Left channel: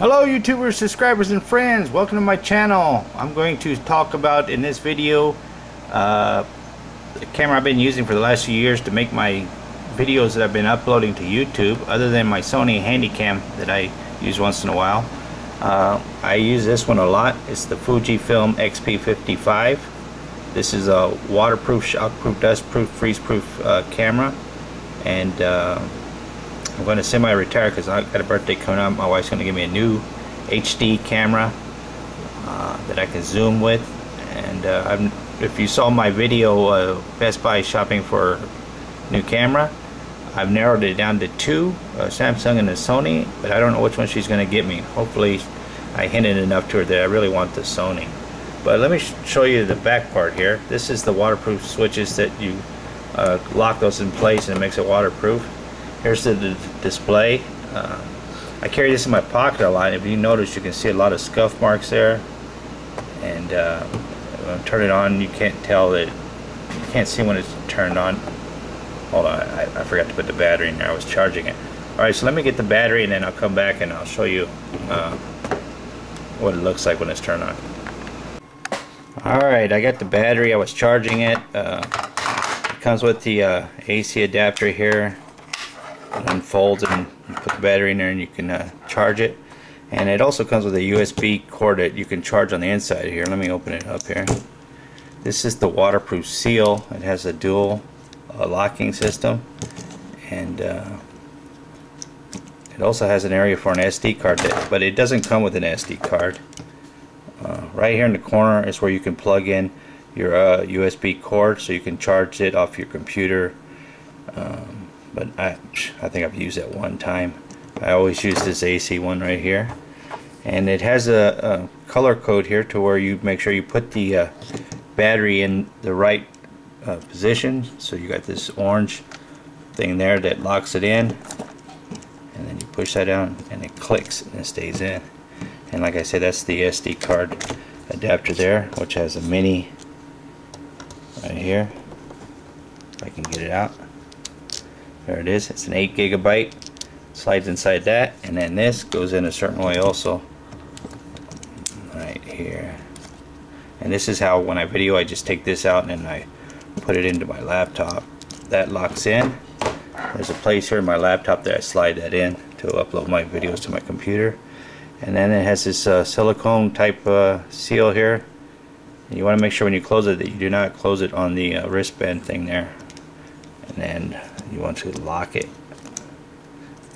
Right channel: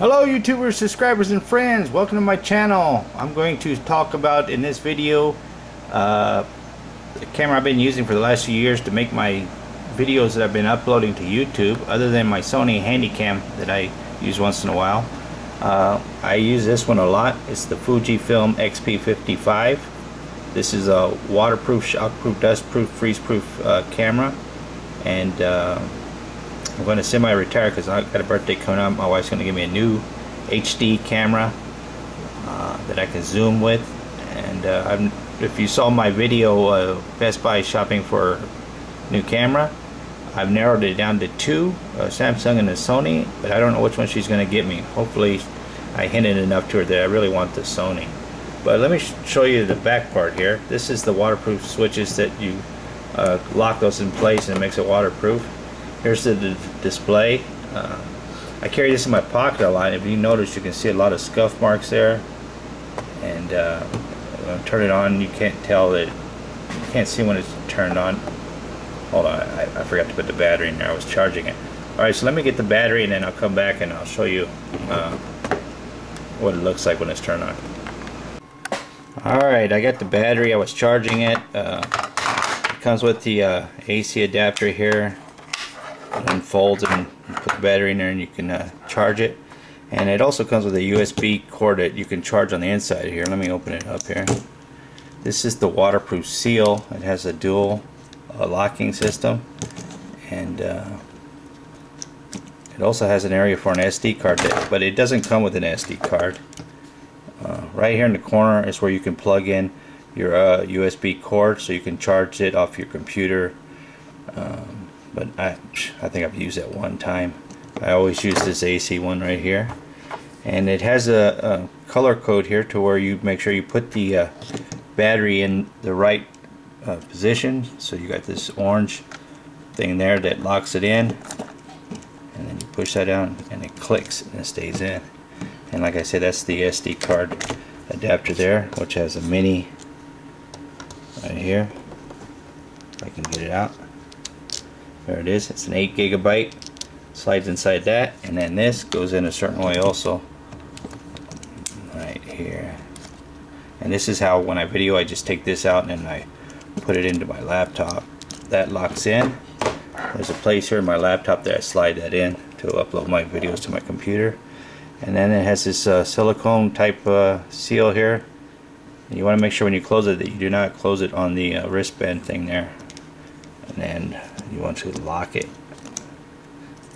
Hello YouTubers, subscribers and friends, welcome to my channel. I'm going to talk about in this video the camera I've been using for the last few years to make my videos that I've been uploading to YouTube, other than my Sony Handycam that I use once in a while. I use this one a lot. It's the FujiFilm XP55. This is a waterproof, shockproof, dustproof, freeze-proof camera, and I'm going to semi-retire because I got a birthday coming up. My wife's going to give me a new HD camera that I can zoom with. And if you saw my video, Best Buy shopping for new camera, I've narrowed it down to two, a Samsung and a Sony, but I don't know which one she's going to get me. Hopefully I hinted enough to her that I really want the Sony. But let me show you the back part here. This is the waterproof switches that you lock those in place and it makes it waterproof. Here's the display. I carry this in my pocket a lot. If you notice, you can see a lot of scuff marks there. And when I turn it on, you can't tell that, you can't see when it's turned on. Hold on, I forgot to put the battery in there. I was charging it. Alright, so let me get the battery and then I'll come back and I'll show you what it looks like when it's turned on. Alright, I got the battery. I was charging it. It comes with the AC adapter here. It unfolds and you put the battery in there and you can charge it. And it also comes with a USB cord that you can charge on the inside here. Let me open it up here. This is the waterproof seal. It has a dual locking system, and it also has an area for an SD card, but it doesn't come with an SD card. Right here in the corner is where you can plug in your USB cord so you can charge it off your computer. But I think I've used it one time. I always use this AC one right here, and it has a color code here to where you make sure you put the battery in the right position. So you got this orange thing there that locks it in, and then you push that down and it clicks and it stays in. And like I said, that's the SD card adapter there, which has a mini right here. If I can get it out. There it is. It's an 8 GB. Slides inside that, and then this goes in a certain way also. Right here. And this is how, when I video, I just take this out and then I put it into my laptop. That locks in. There's a place here in my laptop that I slide that in to upload my videos to my computer. And then it has this silicone type seal here. And you want to make sure when you close it that you do not close it on the wristband thing there. And then you want to lock it,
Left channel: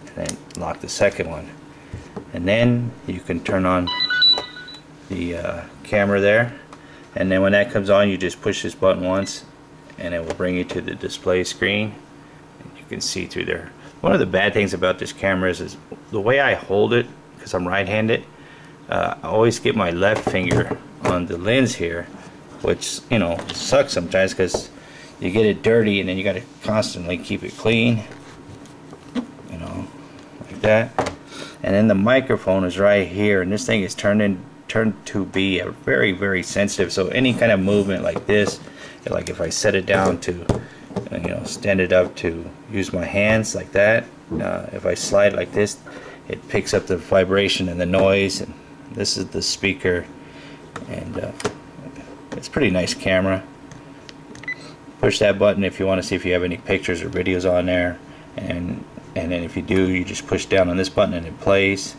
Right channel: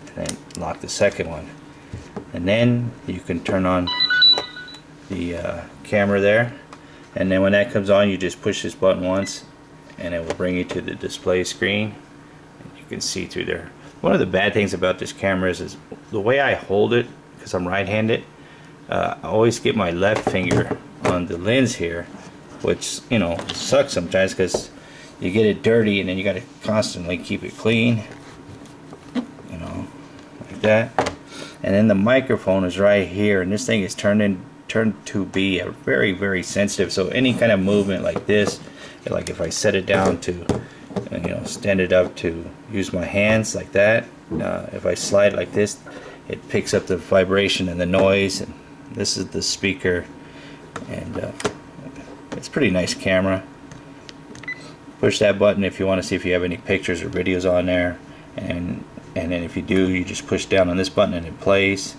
and then lock the second one, and then you can turn on the camera there. And then when that comes on, you just push this button once and it will bring you to the display screen, and you can see through there. One of the bad things about this camera is the way I hold it, because I'm right-handed. I always get my left finger on the lens here, which, you know, sucks sometimes because you get it dirty and then you got to constantly keep it clean, you know, like that. And then the microphone is right here, and this thing is turned to be a very, very sensitive. So any kind of movement like this, like if I set it down to, you know, stand it up to use my hands like that, if I slide like this, it picks up the vibration and the noise. And this is the speaker, and it's a pretty nice camera. Push that button if you want to see if you have any pictures or videos on there, and then if you do, you just push down on this button and it plays.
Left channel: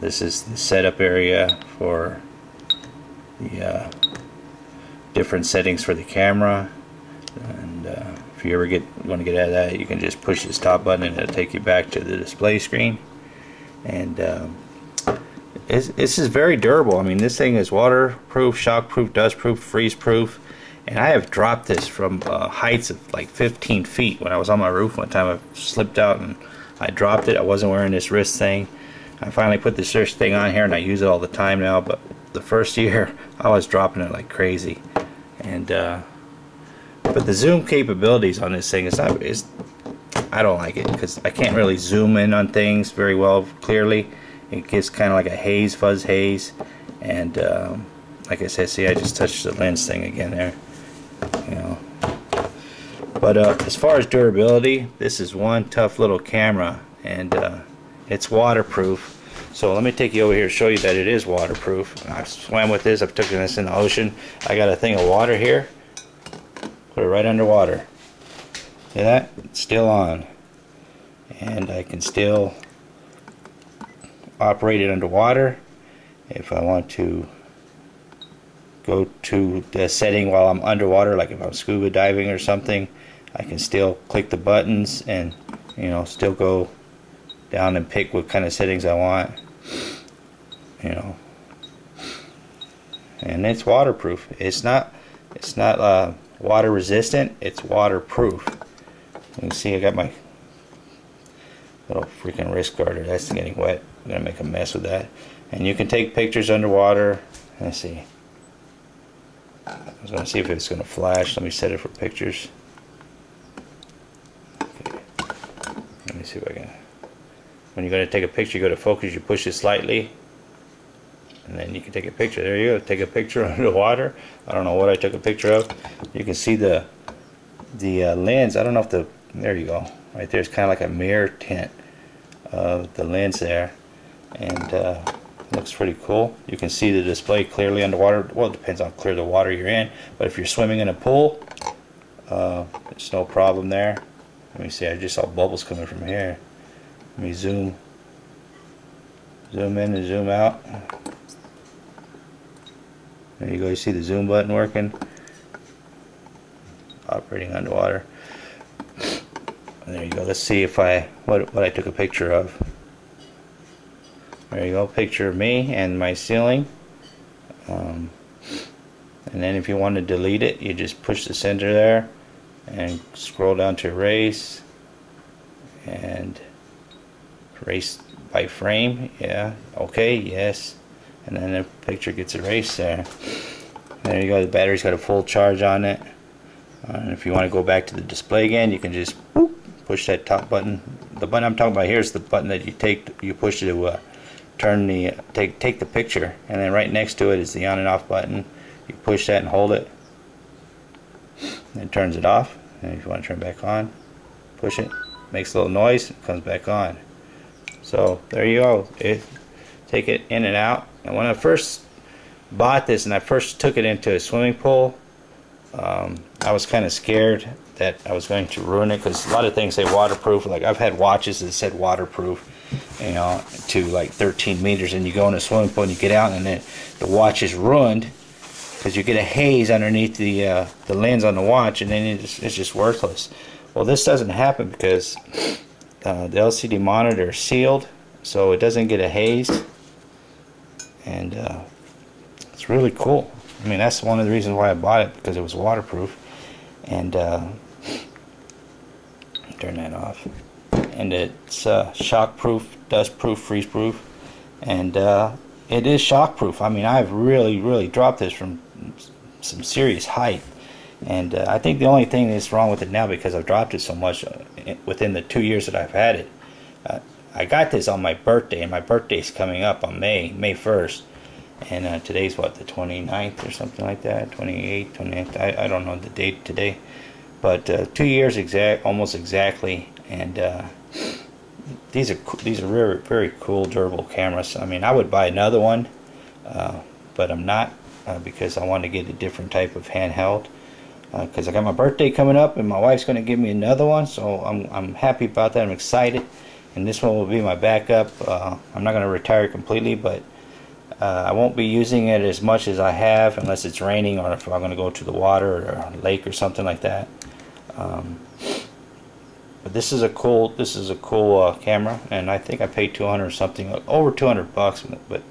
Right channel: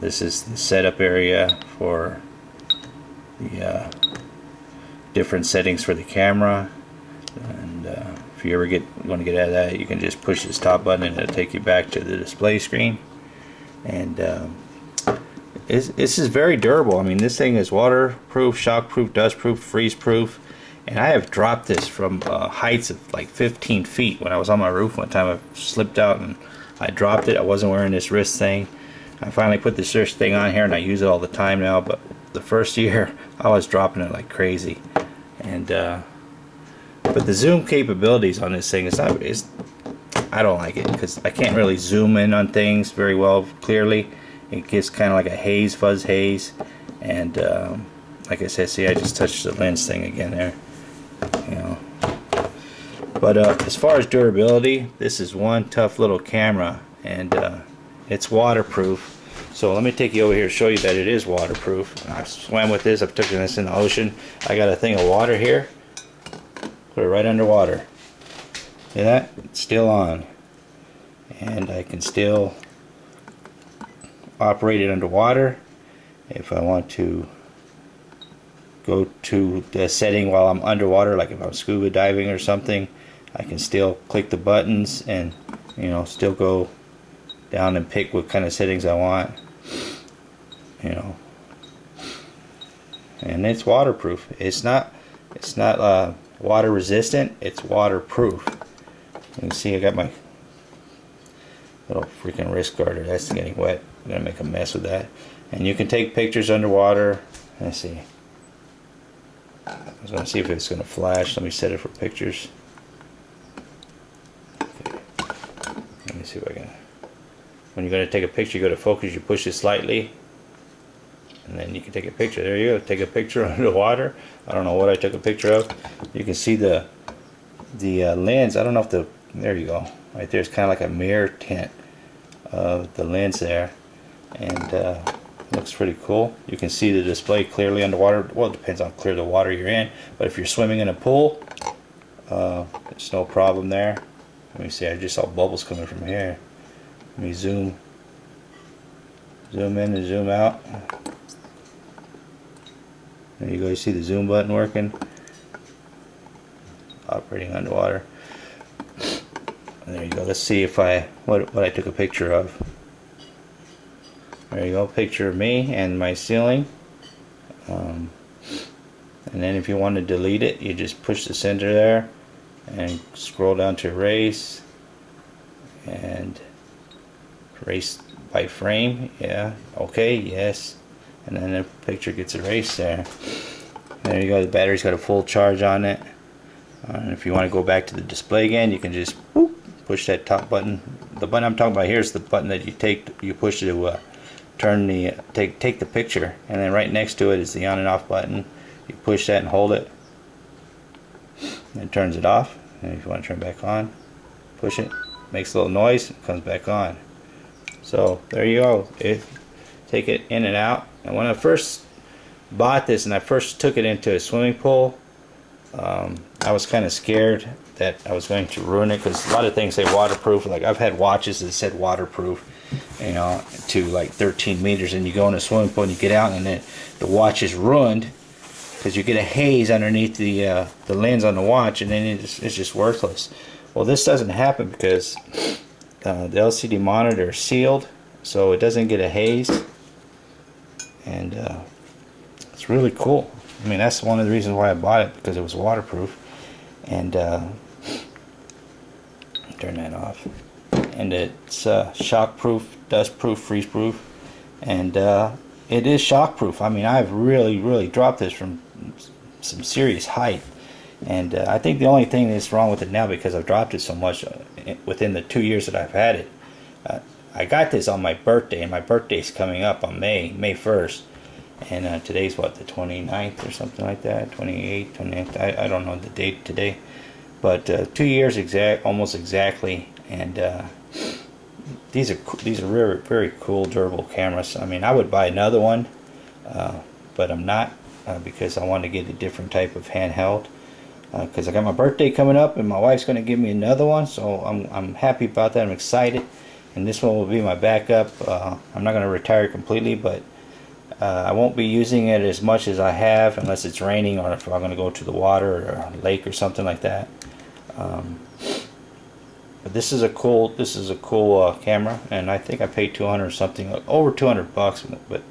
This is the setup area for the different settings for the camera, and if you ever want to get out of that, you can just push the stop button and it'll take you back to the display screen. And this is very durable. I mean, this thing is waterproof, shockproof, dustproof, freeze-proof. And I have dropped this from heights of like 15 feet. When I was on my roof one time, I slipped out and I dropped it. I wasn't wearing this wrist thing. I finally put this wrist thing on here and I use it all the time now. But the first year, I was dropping it like crazy. And but the zoom capabilities on this thing I don't like it because I can't really zoom in on things very well clearly. It gives kind of like a haze, fuzz haze. And like I said, see, I just touched the lens thing again there. You know, but as far as durability, this is one tough little camera, and it's waterproof. So let me take you over here to show you that it is waterproof. I've swam with this, I've taken this in the ocean. I got a thing of water here, put it right underwater. See that? It's still on. And I can still operate it underwater. If I want to go to the setting while I'm underwater, like if I'm scuba diving or something, I can still click the buttons and, you know, still go down and pick what kind of settings I want, you know. And it's waterproof. It's not water resistant, it's waterproof. You can see I got my little freaking wrist guard. That's getting wet. I'm gonna make a mess with that. And you can take pictures underwater. Let's see. I was gonna see if it's gonna flash. Let me set it for pictures. Okay. Let me see if I can. When you're gonna take a picture, you go to focus. You push it slightly, and then you can take a picture. There you go. Take a picture underwater. I don't know what I took a picture of. You can see the lens. I don't know if the. There you go. Right there. It's kind of like a mirror tint of the lens there, and looks pretty cool. You can see the display clearly underwater. Well, it depends on how clear the water you're in, but if you're swimming in a pool, there's no problem there. Let me see. I just saw bubbles coming from here. Let me zoom in and zoom out. There you go. You see the zoom button working. Operating underwater. And there you go. Let's see if what I took a picture of. There you go. Picture of me and my ceiling. And then if you want to delete it, you just push the center there and scroll down to erase and erase by frame. Yeah. Okay. Yes. And then the picture gets erased there. There you go. The battery's got a full charge on it. And if you want to go back to the display again, you can just whoop, push that top button. The button I'm talking about here is the button that you push to turn the take the picture, and then right next to it is the on and off button. You push that and hold it, and it turns it off. And if you want to turn it back on, push it, makes a little noise, it comes back on. So there you go. Take it in and out. And when I first bought this and I first took it into a swimming pool, I was kind of scared that I was going to ruin it, because a lot of things say waterproof. Like I've had watches that said waterproof, you know, to like 13 meters, and you go in a swimming pool and you get out and then the watch is ruined because you get a haze underneath the lens on the watch, and then it's just worthless. Well, this doesn't happen because the LCD monitor is sealed, so it doesn't get a haze, and it's really cool. I mean, that's one of the reasons why I bought it, because it was waterproof. And turn that off. And it's shockproof, dustproof, freeze-proof, and it is shockproof. I mean, I've really dropped this from some serious height, and I think the only thing that's wrong with it now, because I've dropped it so much within the 2 years that I've had it. I got this on my birthday, and my birthday's coming up on May 1st. And today's what, the 29th or something like that, 28th, 29th, I don't know the date today, but 2 years almost exactly. And these are very, very cool, durable cameras. I mean, I would buy another one, but I'm not, because I want to get a different type of handheld, because I got my birthday coming up and my wife's going to give me another one, so I'm happy about that. I'm excited, and this one will be my backup. I'm not going to retire completely, but I won't be using it as much as I have, unless it's raining or if I'm going to go to the water or a lake or something like that. But this is a cool camera, and I think I paid 200 or something, over 200 bucks, but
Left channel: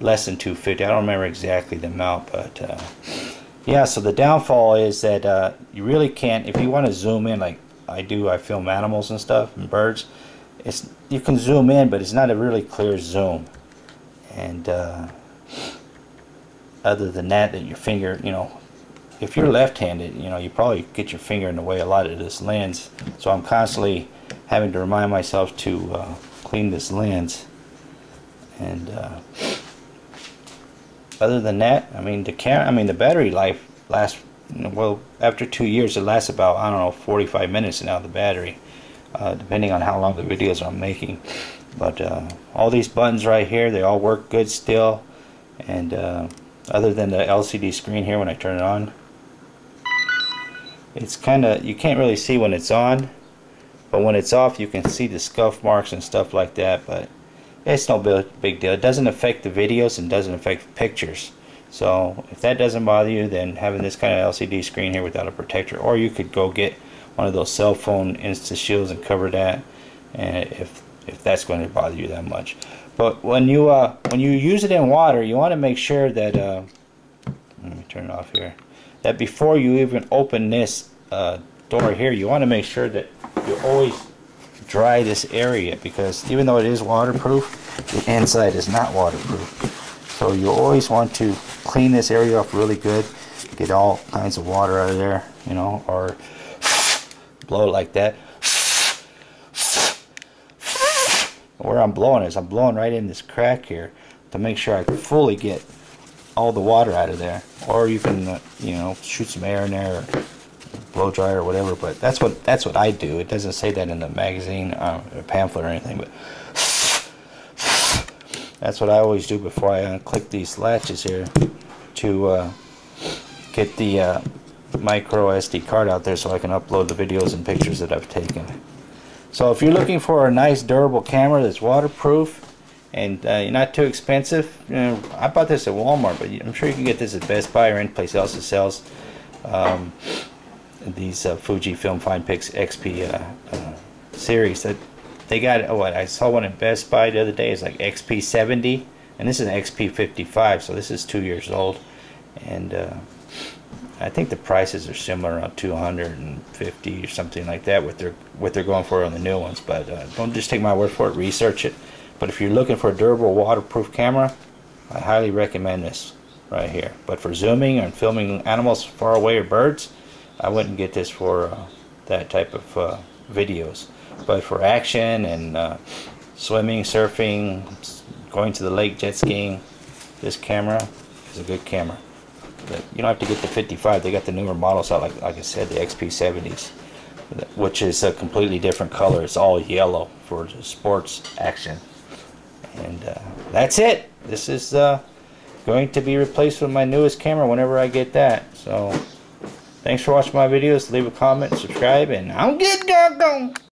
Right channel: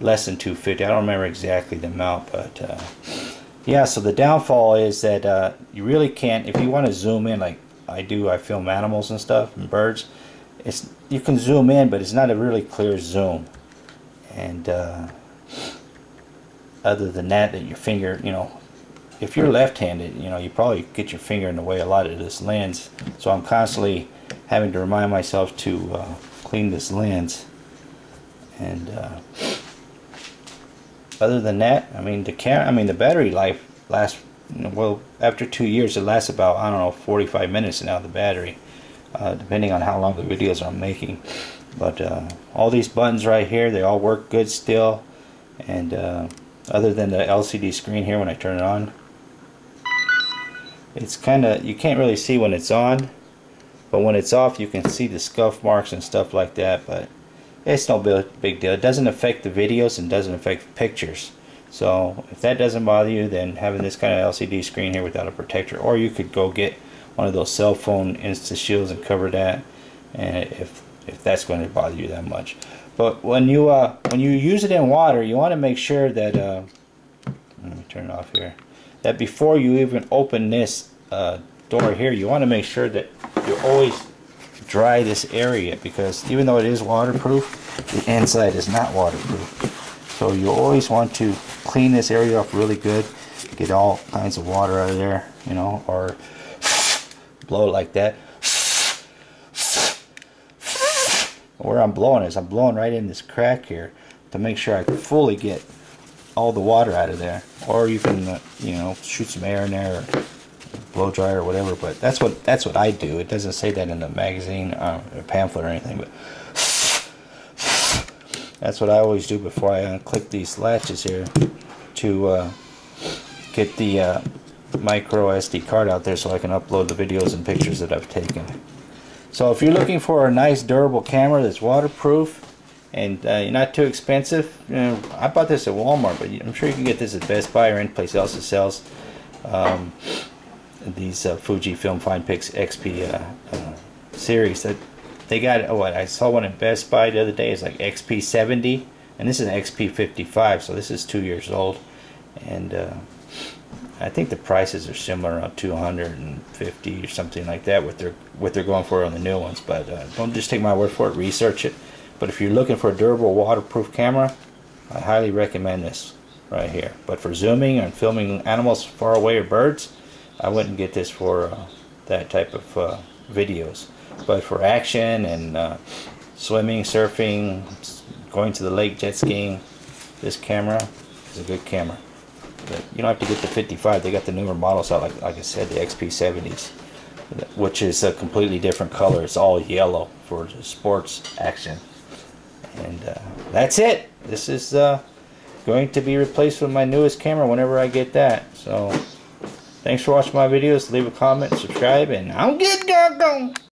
less than 250. I don't remember exactly the amount, but yeah. So the downfall is that you really can't, if you want to zoom in like I do. I film animals and stuff and birds. You can zoom in, but it's not a really clear zoom. And other than that, your finger, if you're left-handed, you probably get your finger in the way a lot of this lens. So I'm constantly having to remind myself to clean this lens. And other than that, the battery life lasts, well, after 2 years, it lasts about, 45 minutes now, the battery, depending on how long the videos I'm making. But all these buttons right here, they all work good still. And other than the LCD screen here when I turn it on, it's kind of, you can't really see when it's on, but when it's off you can see the scuff marks and stuff like that. But it's no big deal. It doesn't affect the videos and doesn't affect pictures. So if that doesn't bother you, then having this kind of LCD screen here without a protector, or you could go get one of those cell phone Insta Shields and cover that, and if that's going to bother you that much. But when you use it in water, you want to make sure that let me turn it off here, that before you even open this door here, you want to make sure that you always dry this area, because even though it is waterproof, the inside is not waterproof. So you always want to clean this area up really good, get all kinds of water out of there, you know, or blow it like that. Where I'm blowing is I'm blowing right in this crack here to make sure I fully get all the water out of there. Or you can you know, shoot some air in there, or blow dry or whatever. But that's what I do. It doesn't say that in the magazine or pamphlet or anything, but that's what I always do before I unclick these latches here to get the micro SD card out there so I can upload the videos and pictures that I've taken. So if you're looking for a nice durable camera that's waterproof and not too expensive, you know, I bought this at Walmart, but I'm sure you can get this at Best Buy or any place else that sells these FujiFilm FinePix XP series. That they got, oh, I saw one at Best Buy the other day. It's like XP70, and this is an XP55, so this is 2 years old. And I think the prices are similar, around $250 or something like that, what they're going for on the new ones. But don't just take my word for it, research it. But if you're looking for a durable waterproof camera, I highly recommend this right here. But for zooming and filming animals far away or birds, I wouldn't get this for that type of videos. But for action and swimming, surfing, going to the lake, jet skiing, this camera is a good camera. But you don't have to get the 55. They got the newer models out, like I said, the XP70s, which is a completely different color. It's all yellow for the sports action. And that's it. This is going to be replaced with my newest camera whenever I get that. So thanks for watching my videos. Leave a comment, subscribe, and I'm good, doggone.